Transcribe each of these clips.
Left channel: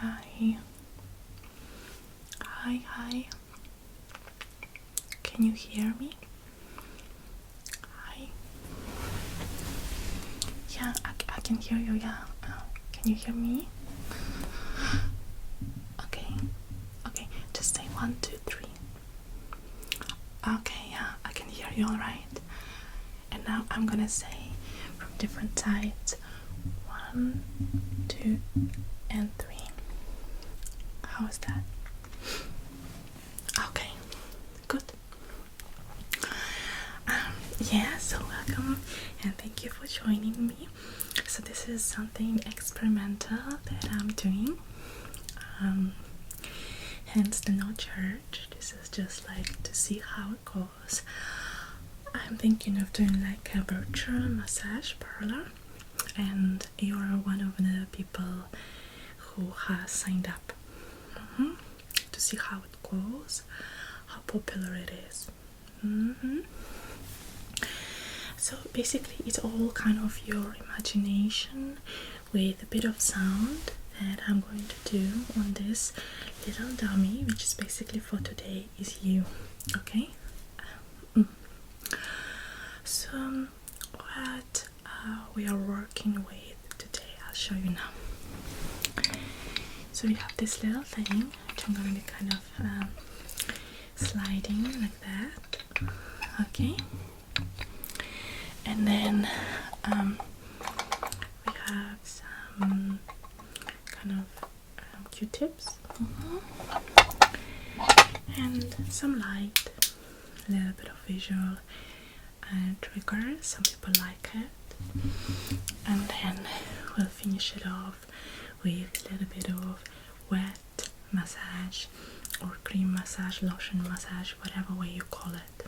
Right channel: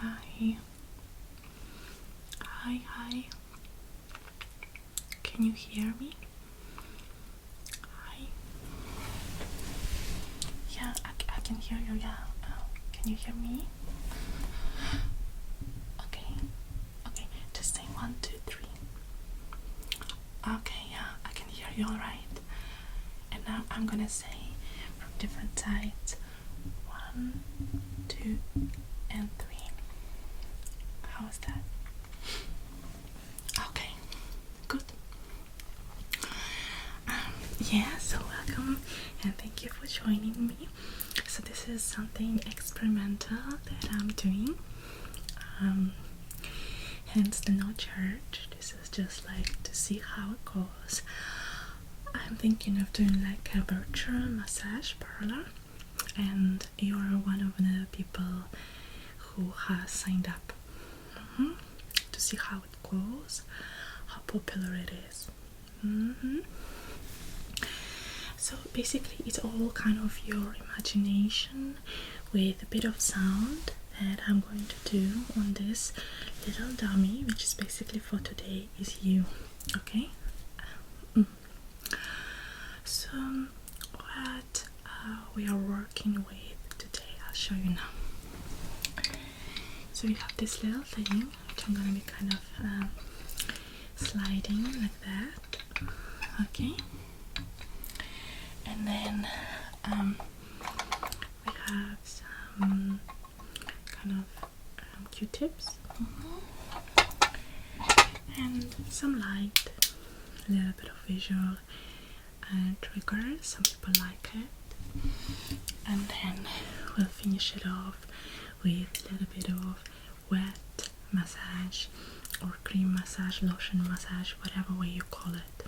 Hi. Hi, hi. Can you hear me? Hi. Yeah, I can hear you, yeah. Can you hear me? Okay. Okay, just say 1, 2, 3. Okay, yeah, I can hear you alright. And now I'm gonna say from different sides 1, 2, and 3. How is that? Okay, good. Yeah, so welcome and thank you for joining me. So this is something experimental that I'm doing. Hence the no charge. This is just like to see how it goes. I'm thinking of doing like a virtual massage parlor, and you're one of the people who has signed up to see how it goes, how popular it is. So basically it's all kind of your imagination with a bit of sound that I'm going to do on this little dummy, which is basically for today is you. Okay? So what we are working with today, I'll show you now. So we have this little thing which I'm gonna be kind of sliding like that. Okay? And then we have some kind of Q-tips and some light, a little bit of visual triggers. Some people like it. And then we'll finish it off with a little bit of wet massage or cream massage, lotion massage, whatever way you call it.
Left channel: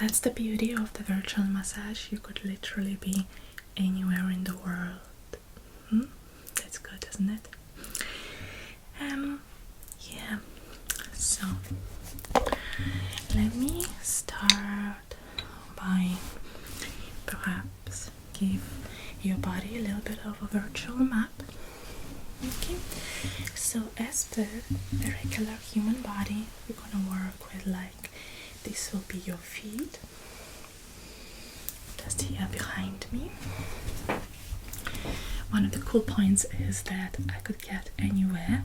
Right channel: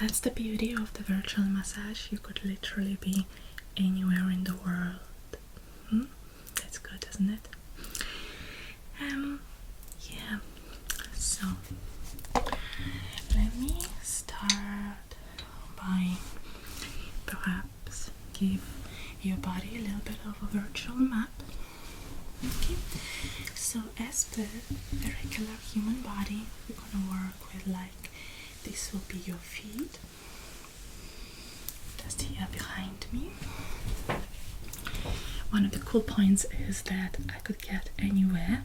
That's the beauty of the virtual massage. You could literally be anywhere in the world. That's good, isn't it? Yeah. So let me start by perhaps give your body a little bit of a virtual map. Okay. So as per a regular human body, we're gonna work with like this will be your feet, just here behind me. One of the cool points is that I could get anywhere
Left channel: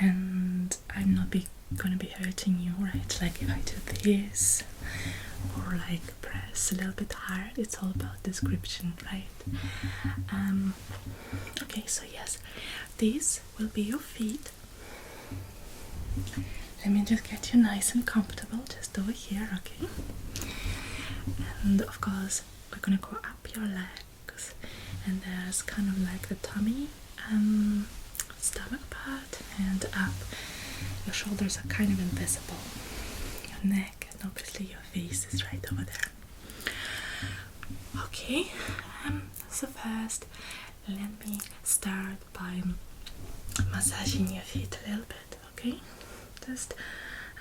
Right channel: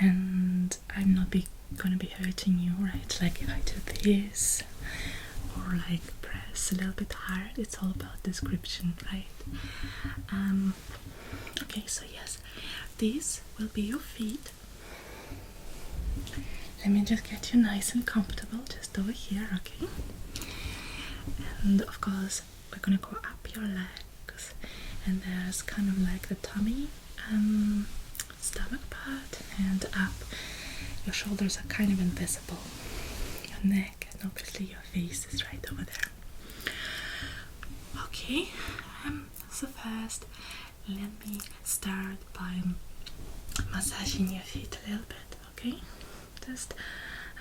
and I'm not gonna be hurting you, right? Like if I do this or like press a little bit hard, it's all about description, right? Okay, so yes, these will be your feet. Let me just get you nice and comfortable just over here, okay? And of course, we're gonna go up your legs, and there's kind of like the tummy, stomach part, and up. Your shoulders are kind of invisible. Your neck, and obviously your face is right over there. Okay, so first, let me start by massaging your feet a little bit, okay? Just,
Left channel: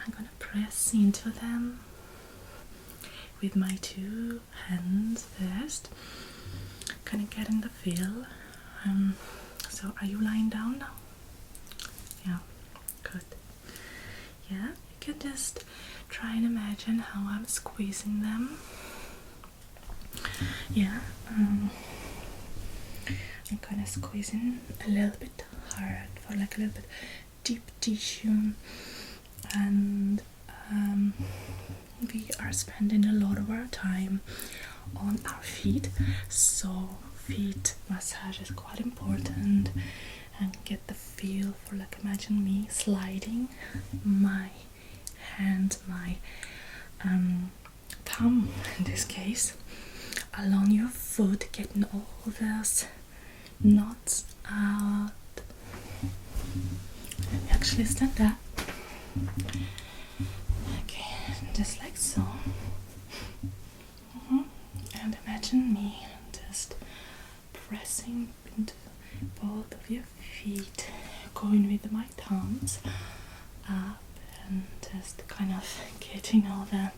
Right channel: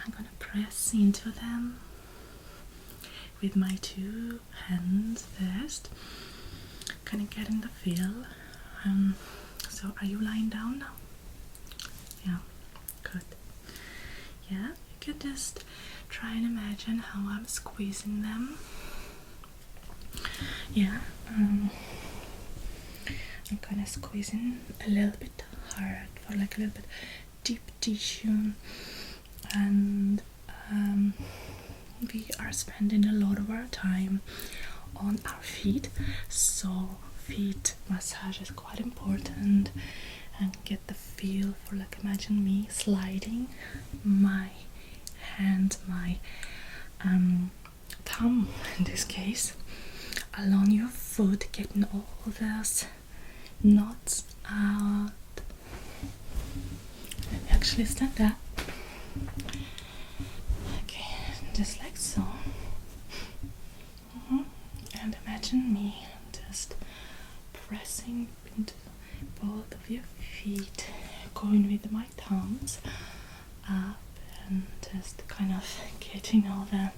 I'm gonna press into them with my 2 hands first, kind of getting the feel. So are you lying down now? Yeah, good. Yeah, you can just try and imagine how I'm squeezing them. Yeah, I'm kind of squeezing a little bit hard for like a little bit deep tissue, and we are spending a lot of our time on our feet, so feet massage is quite important. And get the feel for, like, imagine me sliding my hand, my thumb in this case, along your foot, getting all those knots out. Let me actually stand up. Okay, just like so. And imagine me just pressing into both of your feet, going with my thumbs up and just kind of getting all the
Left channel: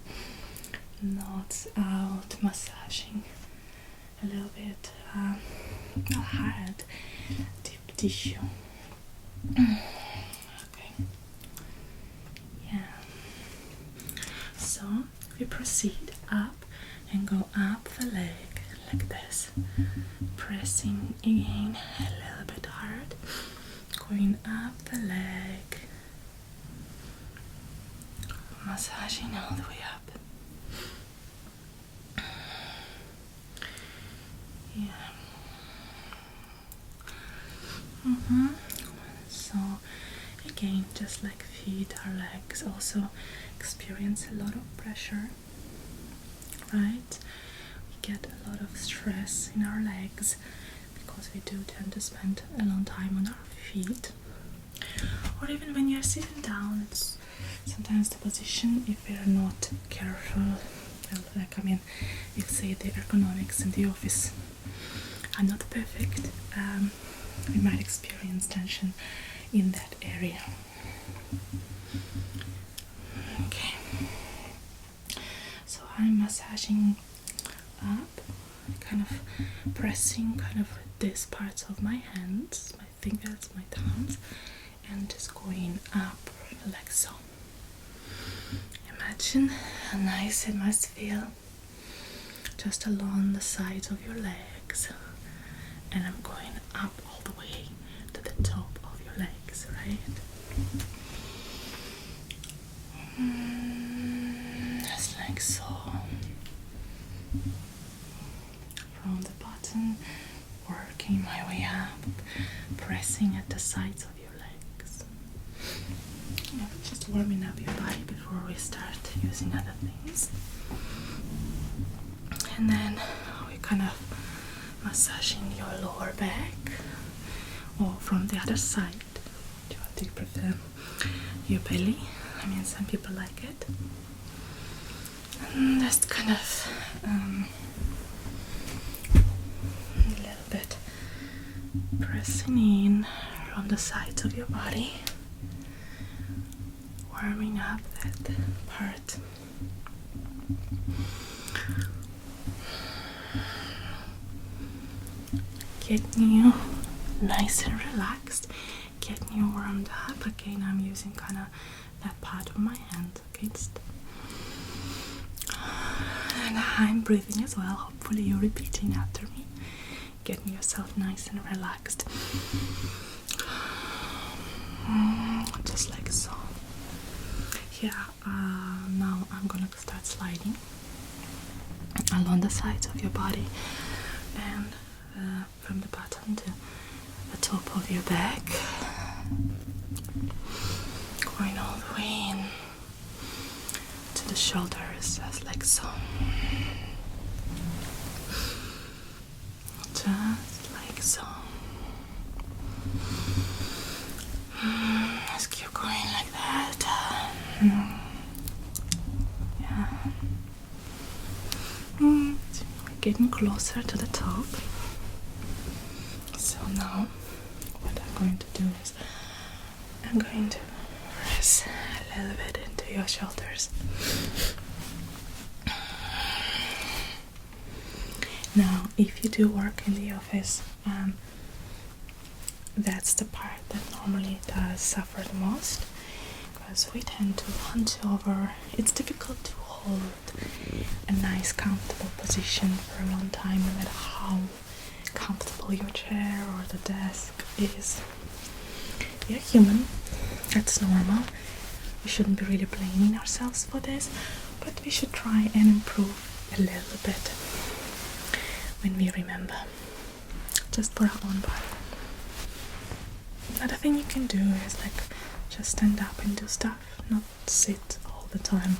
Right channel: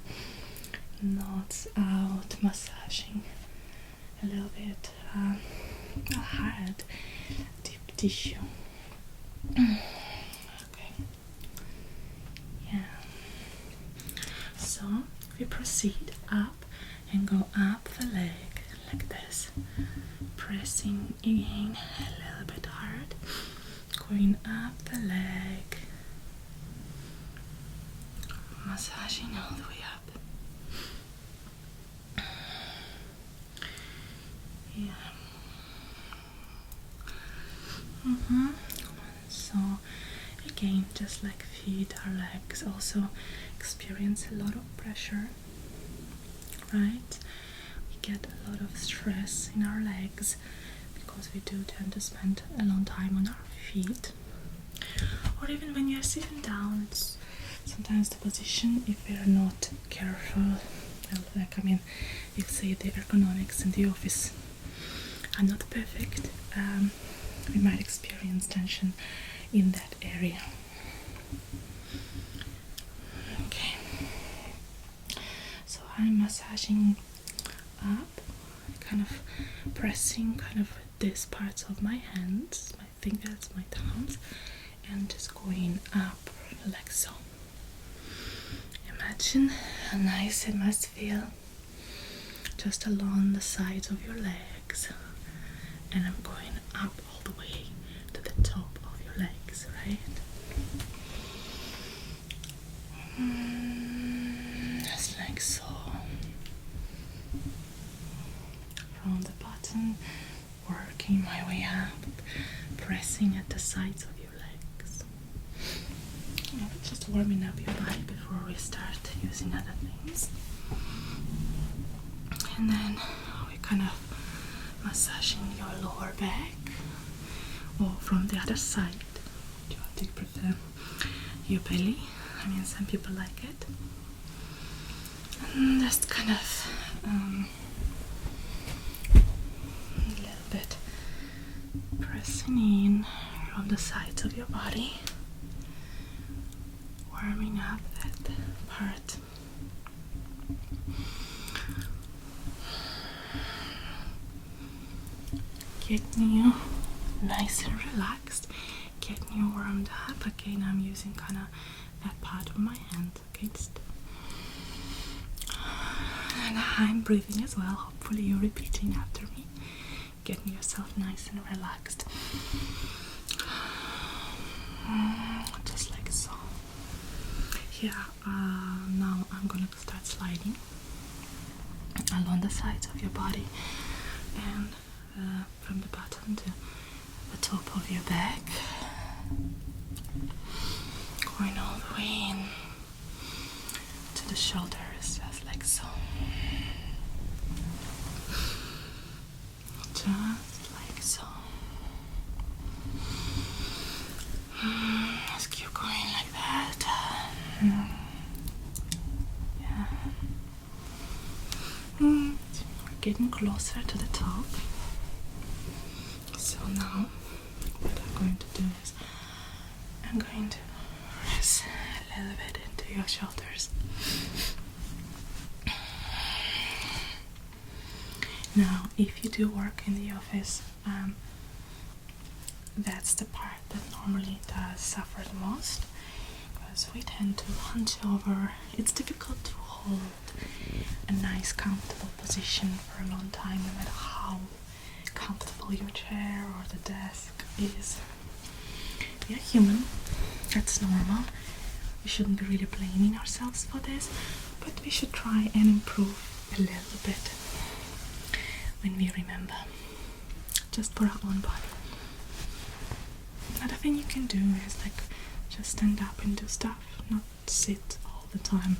knots out, massaging a little bit hard, deep tissue. Okay. Yeah. So we proceed up and go up the leg like this, pressing again a little bit hard, going up the leg, massaging all the way up. Yeah. So again, just like feet, our legs also experience a lot of pressure, right? We get a lot of stress in our legs because we do tend to spend a long time on our feet. Or even when you're sitting down, it's sometimes the position, if we're not careful, well, like, I mean, if say the ergonomics in the office are not perfect, we might experience tension in that area. Okay, so I'm massaging up, kind of pressing kind of these parts of my hands, my fingers, my thumbs, and just going up like so. Imagine how nice it must feel just along the sides of your legs, and I'm going up all the way to the top of your legs, right? Just like so. From the bottom, working my way up, pressing at the sides of your legs. Yeah, just warming up your body before we start using other things. And then we kind of massaging your lower back, or from the other side. Do you prefer your belly? I mean, some people like it. And just kind of a little bit pressing in from the sides of your body, warming up that part. Getting you nice and relaxed, getting you warmed up. Again, I'm using kind of that part of my hand, okay? And I'm breathing as well. Hopefully you're repeating after me, getting yourself nice and relaxed. Just like so. Yeah, now I'm gonna start sliding along the sides of your body, and from the bottom to the top of your back, going all the way in to the shoulders, just like so. Just like so. Just keep going like that. Yeah. We're getting closer to the top. So now what I'm going to do is I'm going to press a little bit into your shoulders. Now, if you do work in the office, that's the part that normally does suffer the most, because we tend to hunch over. It's difficult to hold a nice comfortable position for a long time, no matter how comfortable your chair or the desk is. We are human, that's normal. We shouldn't be really blaming ourselves for this, but we should try and improve a little bit when we remember, just for our own body. Another thing you can do is like just stand up and do stuff, not sit all the time.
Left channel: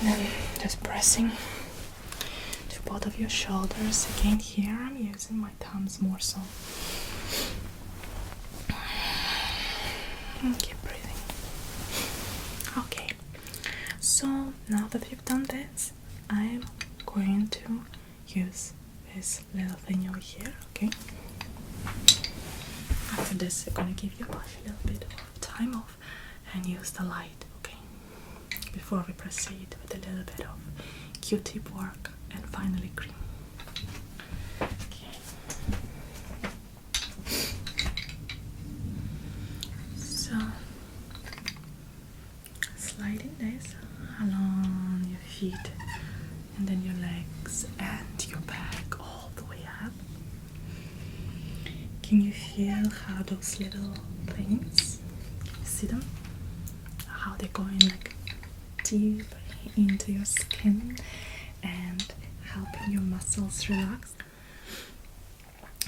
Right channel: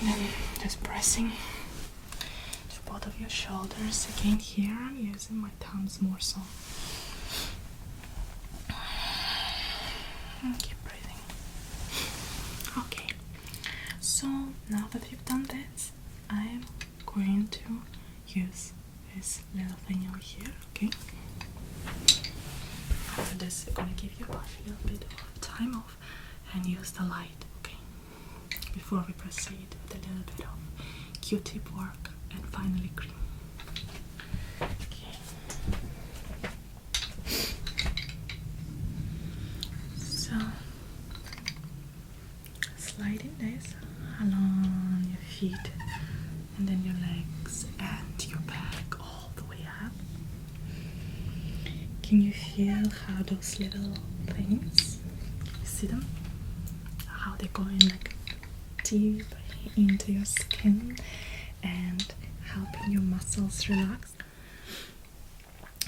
And then just pressing to both of your shoulders. Again, here I'm using my thumbs more so. And keep breathing. Okay, so now that you've done this, I'm going to use this little thing over here, okay? After this, I'm gonna give your body a little bit of time off and use the light, okay? Before we proceed with a little bit of Q-tip work and finally cream. Okay. feet, and then your legs and your back all the way up. Can you feel how those little things, you see them? How they're going like deep into your skin and helping your muscles relax.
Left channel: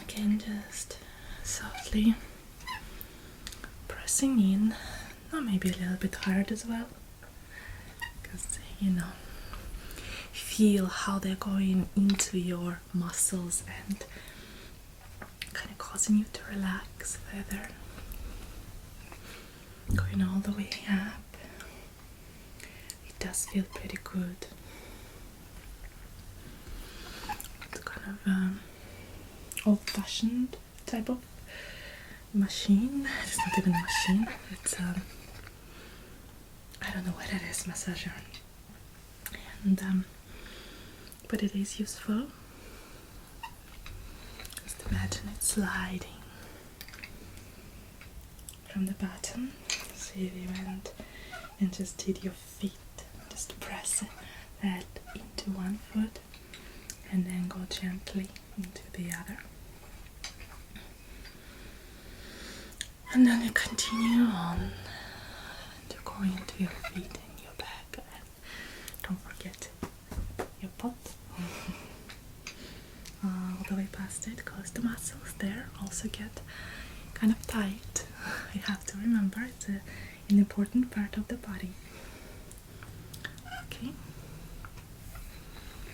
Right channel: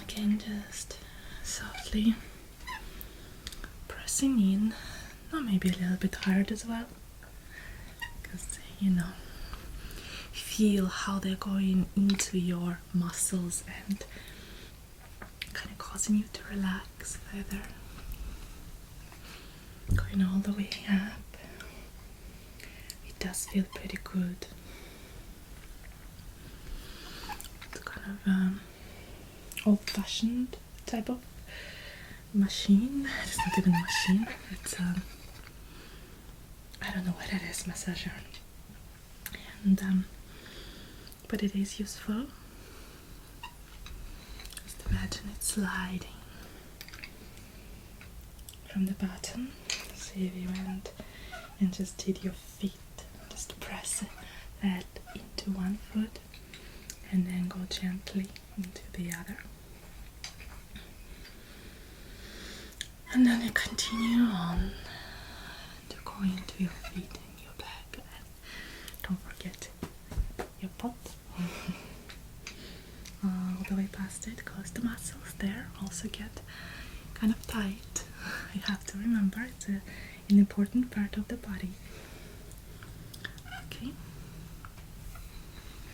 Again, just softly pressing in, or maybe a little bit hard as well, because you know, feel how they're going into your muscles and kind of causing you to relax further, going all the way up. It does feel pretty good. It's kind of old-fashioned type of machine. It's not even a machine, it's I don't know what it is, massager, and but it is useful. Just imagine it sliding from the bottom. So if you went and just did your feet, just press that into one foot and then go gently into the other. And then you continue on to go into your feet and your back, and don't forget your butt. All the way past it, because the muscles there also get kind of tight. You have to remember it's an important part of the body. Okay,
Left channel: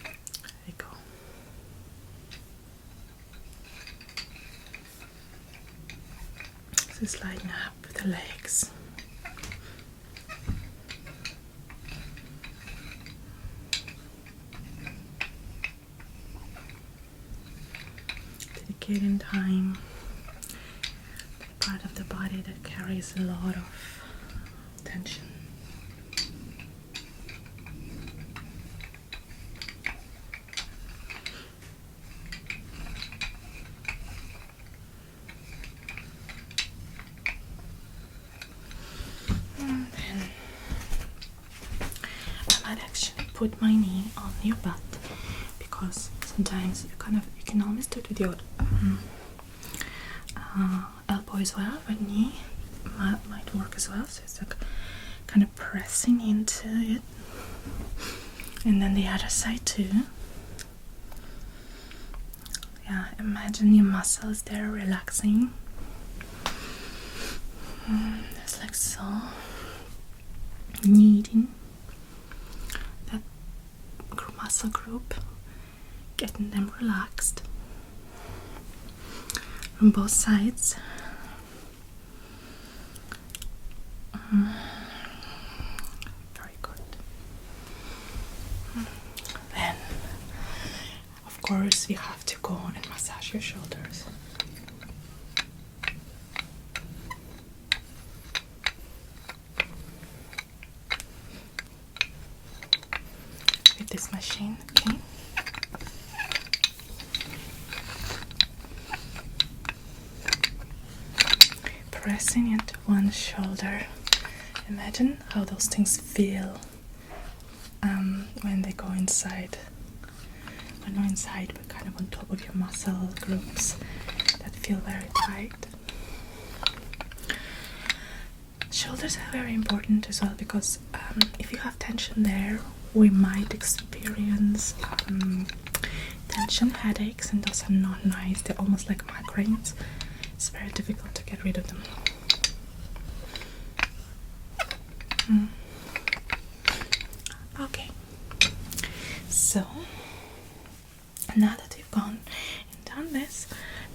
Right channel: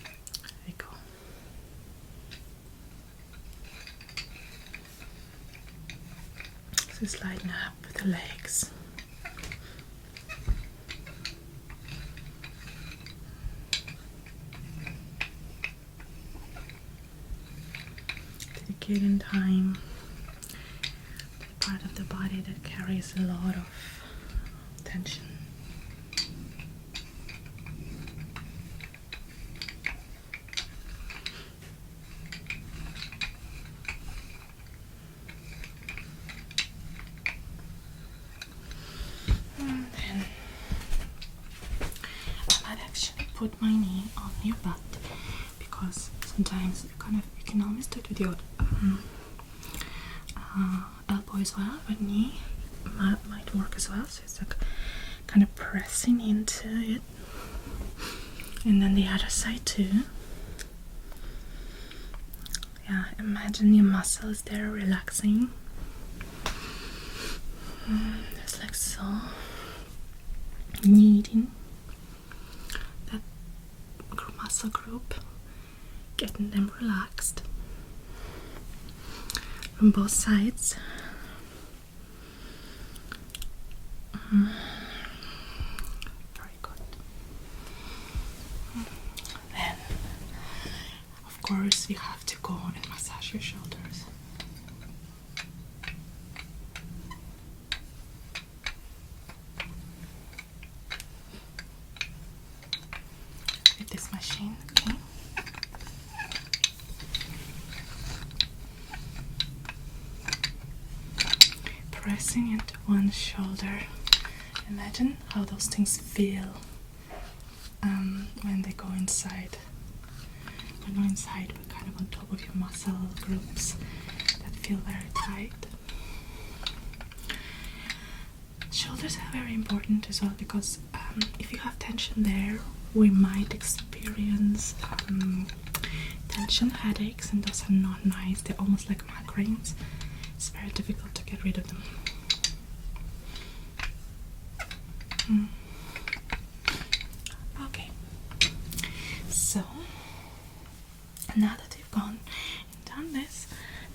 there you go. So sliding up the legs. Dedicating time to the part of the body that carries a lot of tension. And then I might actually put my knee on your butt, because sometimes you can almost do it with your elbow as well, but knee might work as well. So it's like kind of pressing into it, and then the other side too. Yeah, imagine your muscles there relaxing. It's like so, kneading that muscle group, getting them relaxed from both sides. Very good. Then, of course, we have to go and massage your shoulders. With this machine, okay? Pressing into one shoulder. Imagine how those things feel when they go inside. When they're inside, but kind of on top of your muscle groups that feel very tight. Shoulders are very important as well, because if you have tension there, we might experience tension headaches, and those are not nice. They're almost like migraines. It's very difficult to get rid of them. Okay, so now that we've gone and done this,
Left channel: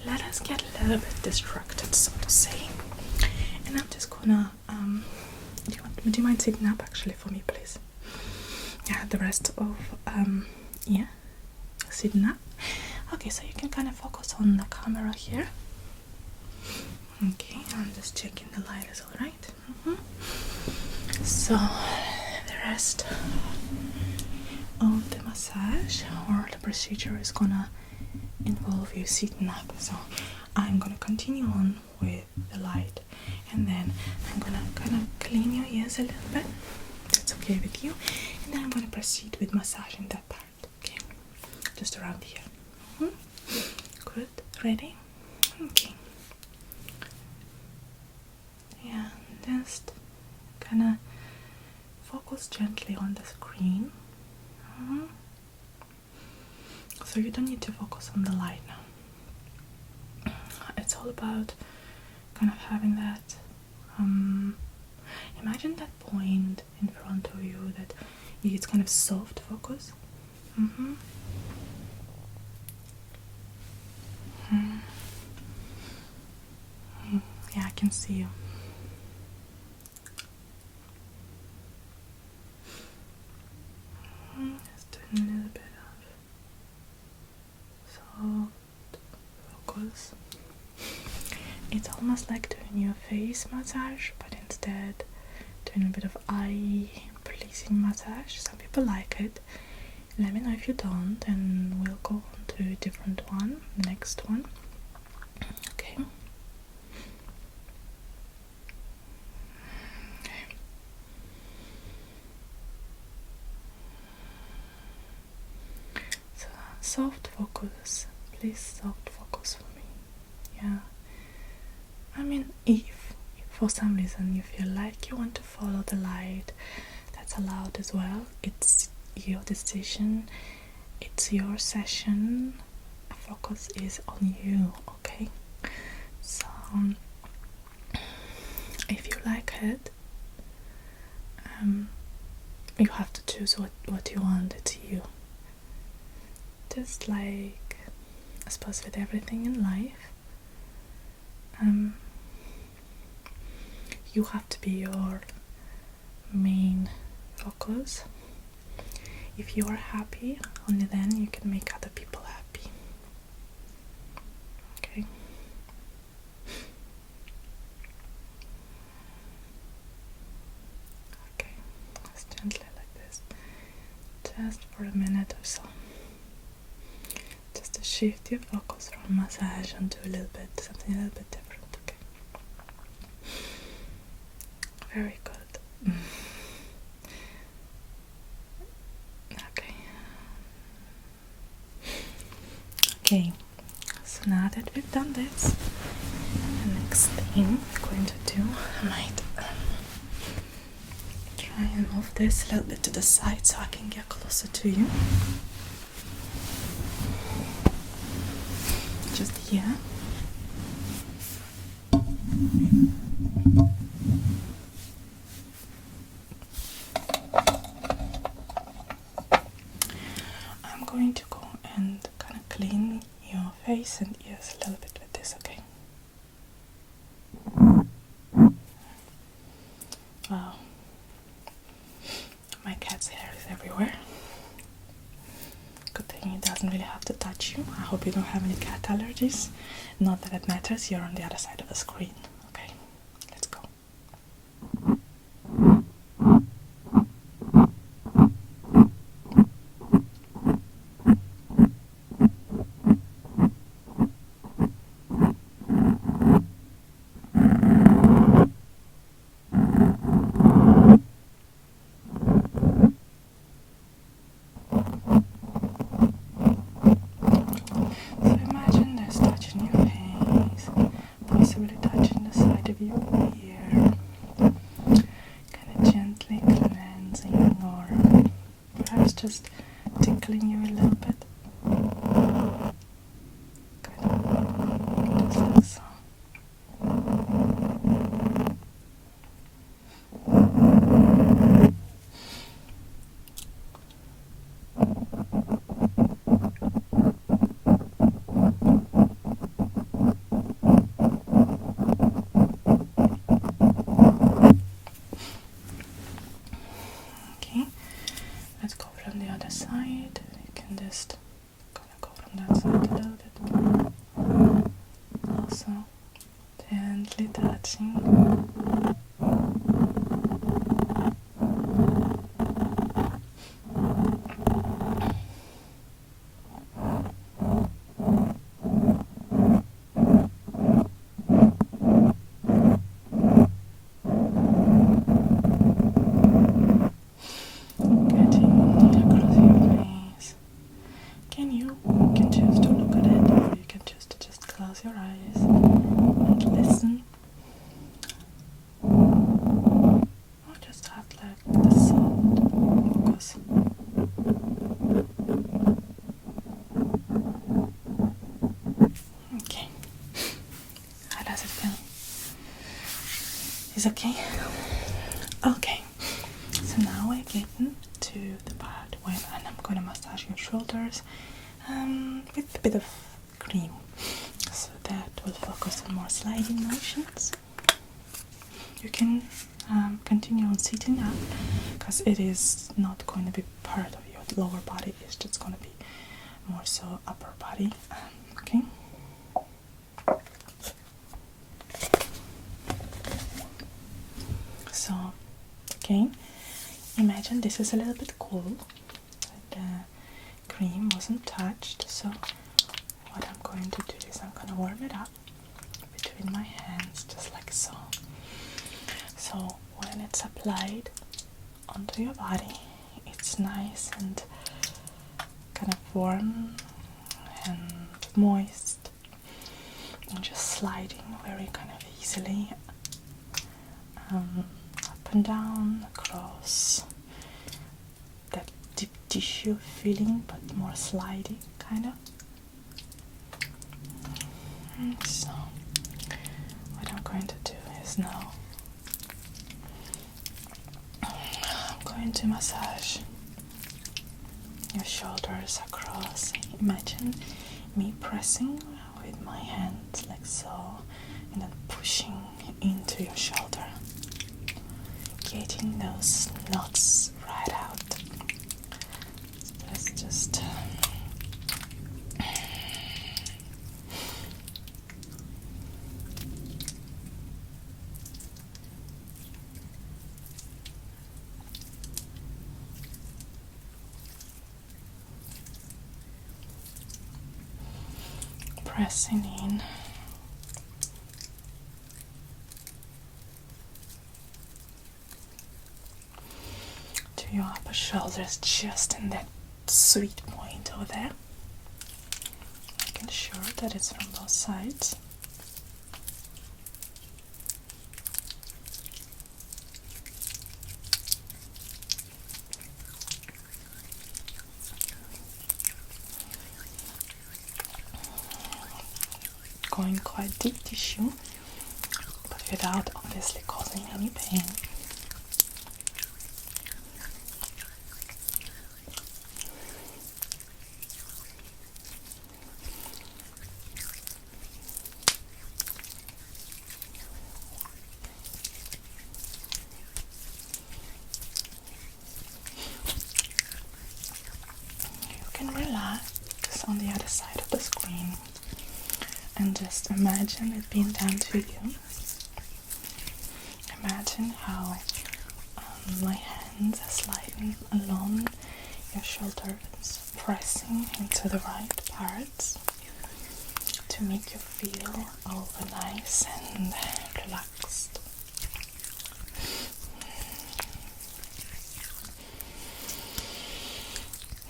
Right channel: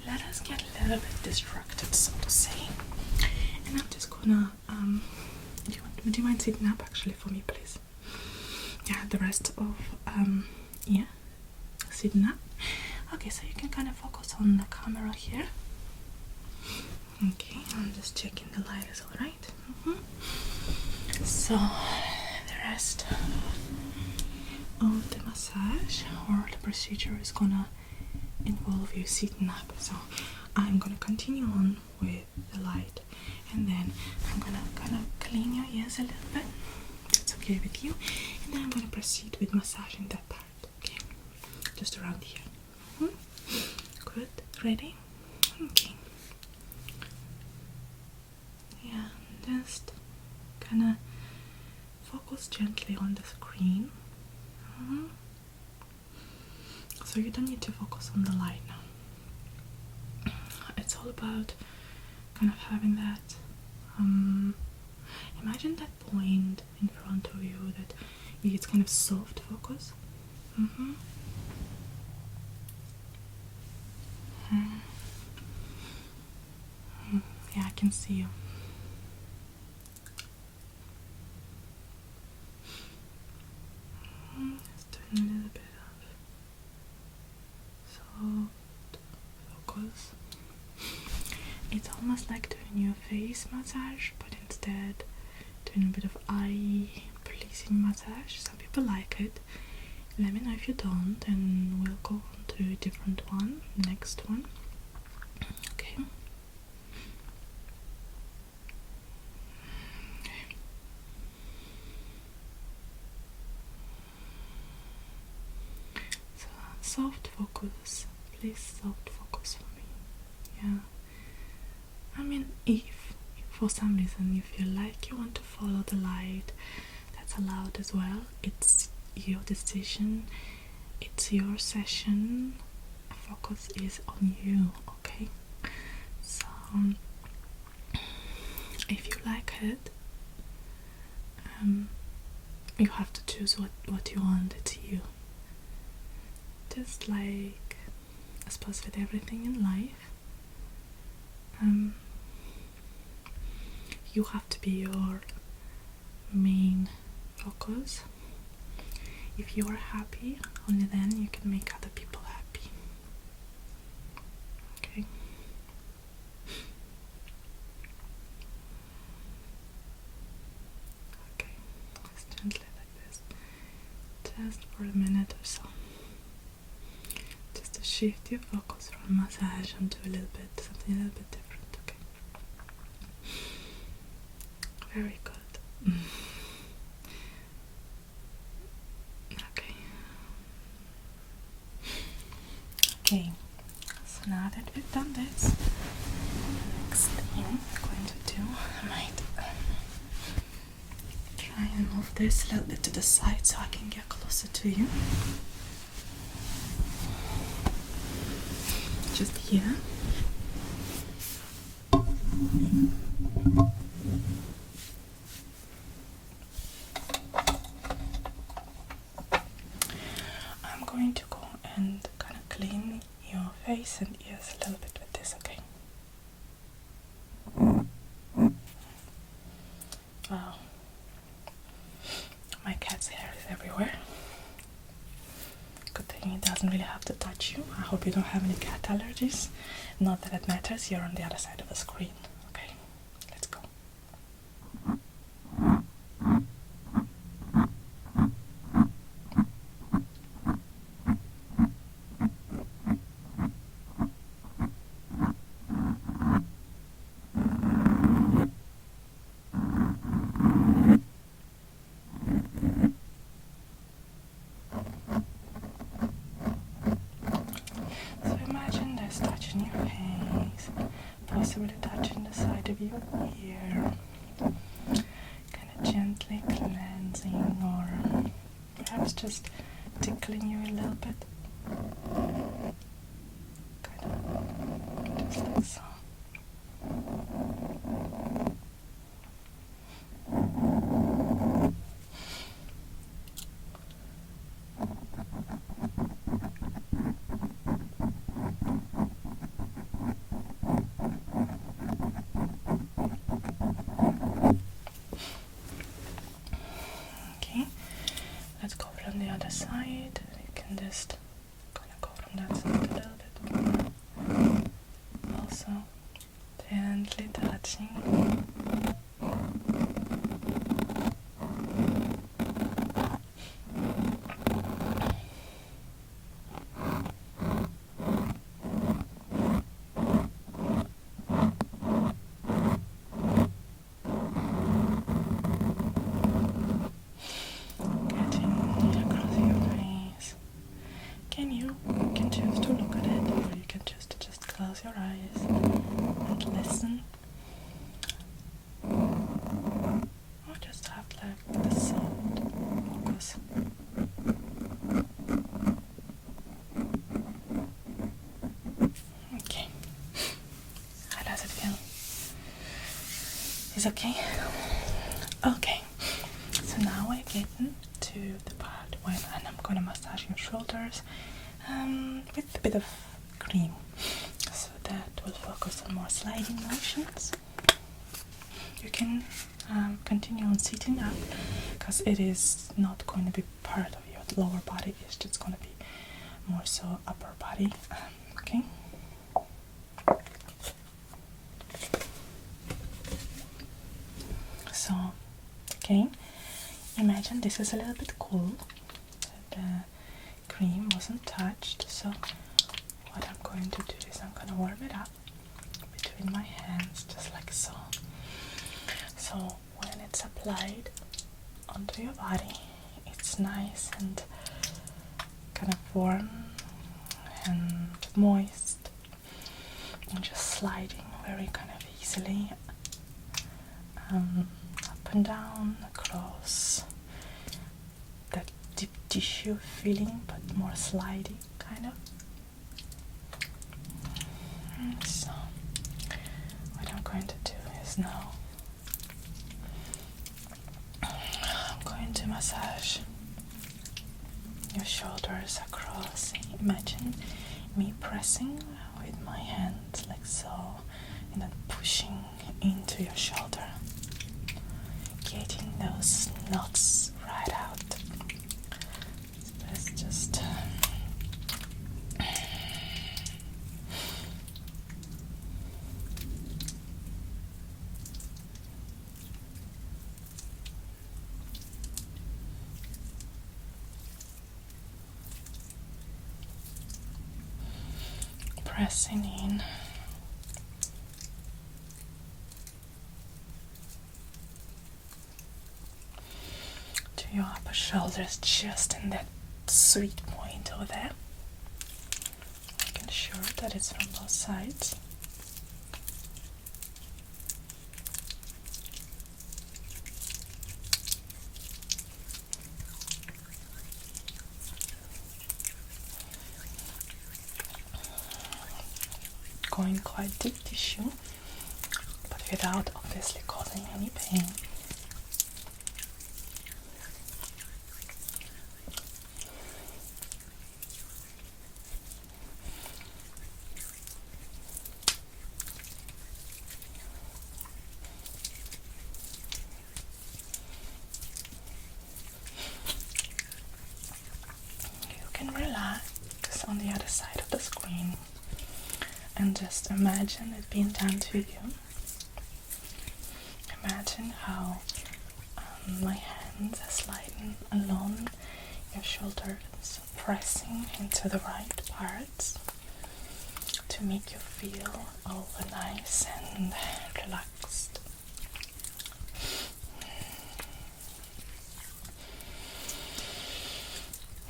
let us get a little bit distracted, so to say. And I'm just gonna do you mind sitting up actually for me, please? Yeah, the rest of yeah, sitting up. Okay, so you can kind of focus on the camera here. Okay, I'm just checking the light is all right. So the rest of the massage or the procedure is gonna involve you sitting up. So I'm gonna continue on with the light, and then I'm gonna kind of clean your ears a little bit. That's okay with you. And then I'm going to proceed with massaging that part, okay? Just around here. Good, ready? Okay. Yeah, just gonna focus gently on the screen. So you don't need to focus on the light now. It's all about kind of having that, imagine that point in front of you that it's kind of soft focus. Yeah, I can see you. Just doing a little bit of soft focus. It's almost like doing your face massage, but instead doing a bit of eye pleasing massage. Some people like it. Let me know if you don't, and we'll go on to a different one, next one. Okay. So, soft focus. Please soft focus for me. Yeah. I mean, if for some reason you feel like you want to follow the light, that's allowed as well. It's your decision, it's your session. Focus is on you, okay? So if you like it, you have to choose what you want. It's you. Just like, I suppose, with everything in life, you have to be your main focus. If you are happy, only then you can make other people happy. Okay? Okay, just gently like this. Just for a minute or so. Just to shift your focus from massage onto something a little bit different, okay? Very good. Okay, so now that we've done this, the next thing I'm going to do, I might try and move this a little bit to the side so I can get closer to you. Just here. I'm going to go and kind of clean your face and ears a little bit with this, okay? Wow. My cat's hair is everywhere. Good thing it doesn't really have to touch you. I hope you don't have any cat allergies. Not that it matters, you're on the other side of the screen. Okay, let's go. Possibly touching the side of your ear, kind of gently cleansing, or perhaps just tickling you a little bit, kind of just like so. Side, you can just kind of go from that side a little bit more. Also, gently touching. Getting close your eyes and listen. Or just have like the sound focus. Okay. How does it feel? Is okay? Okay. So now we're getting to the part when I'm gonna massage your shoulders with a bit of cream. So that will focus on more sliding motions. You can continue on sitting up because it is not going to be part of your lower body, it's just going to be more so upper body. Okay. So again, imagine this is a little bit cool. The cream wasn't touched, so what I'm going to do is I'm going to warm it up between my hands, just like so. So when it's applied onto your body, it's nice and kind of warm and moist and just sliding very kind of easily up and down across that deep tissue feeling, but more sliding kind of. So what I'm going to do is now I'm going to massage your shoulders across. Imagine me pressing with my hands like so and then pushing into your shoulder, getting those knots right out. So let's just pressing in. To your upper shoulders, just in that sweet point over there. Making sure that it's from both sides. Going quite deep tissue, but without obviously causing any pain. You can relax on the other side of the screen and just imagine it being done to you. Imagine how my hands are sliding along your shoulders, pressing into the right parts to make you feel all nice and relaxed.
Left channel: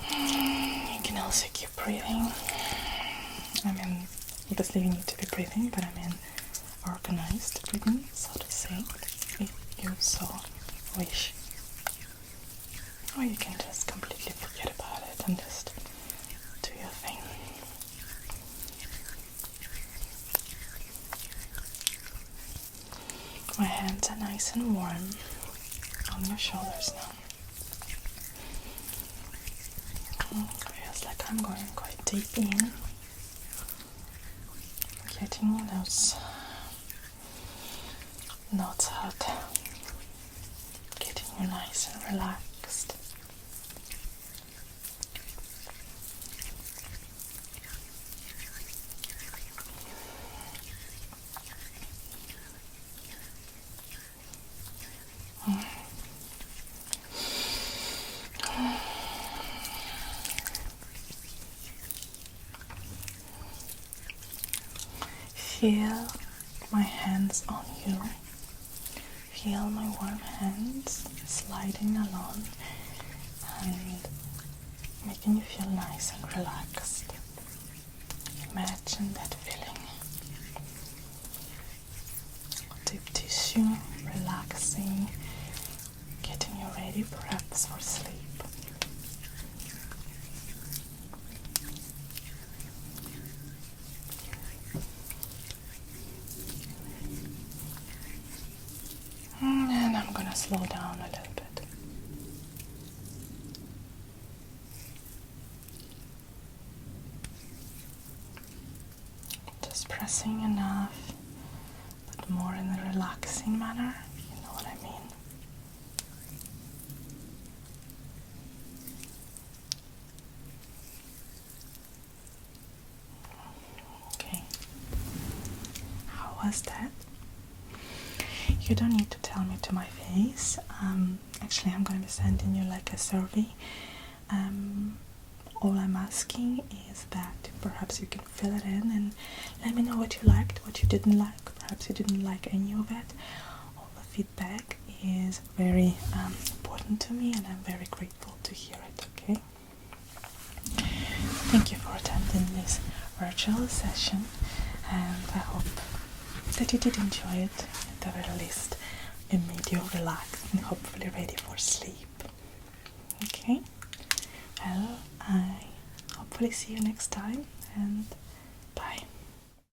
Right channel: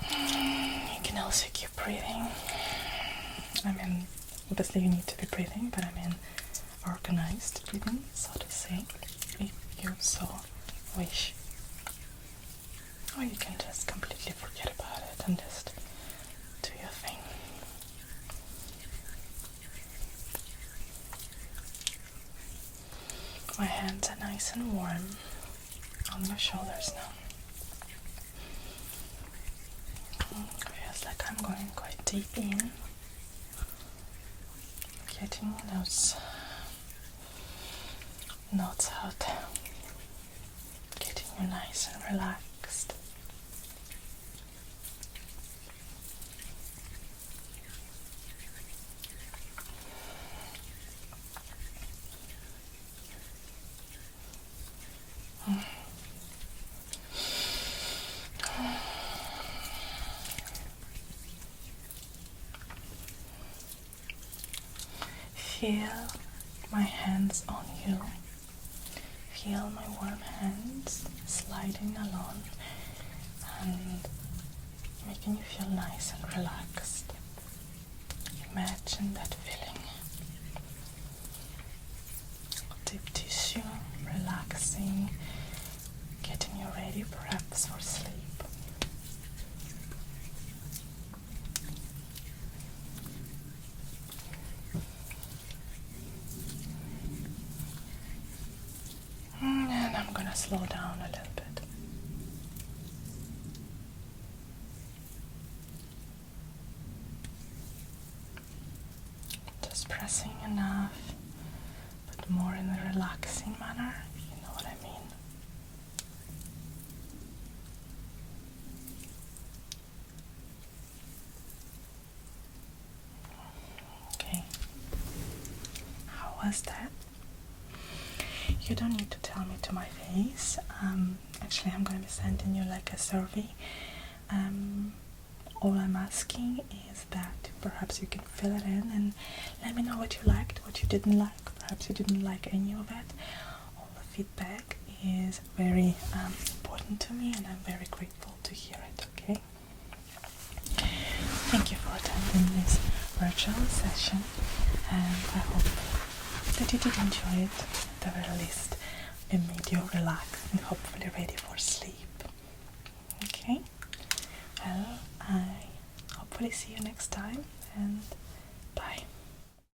You can also keep breathing. I mean, obviously you need to be breathing, but I mean organized breathing, so to say, if you so wish. Or you can just completely forget about it and just do your thing. My hands are nice and warm on your shoulders now. Feels like I'm going quite deep in, getting those knots out, getting you nice and relaxed. Feel my hands on you. Feel my warm hands sliding along and making you feel nice and relaxed. Imagine that feeling. you relaxing, getting you ready perhaps for sleep. And I'm gonna slow down a little bit. Just pressing enough, but more in a relaxing manner, you know what I mean. Okay, how was that? You don't need to tell me to my face. Actually, I'm going to be sending you like a survey. All I'm asking is that perhaps you can fill it in and let me know what you liked, what you didn't like. Perhaps you didn't like any of it. All the feedback is very important to me, and I'm very grateful to hear it, okay? Thank you for attending this virtual session, and I hope that you did enjoy it. At the very least, it made you relax and hopefully ready for sleep. Okay? Well, I hopefully see you next time, and bye.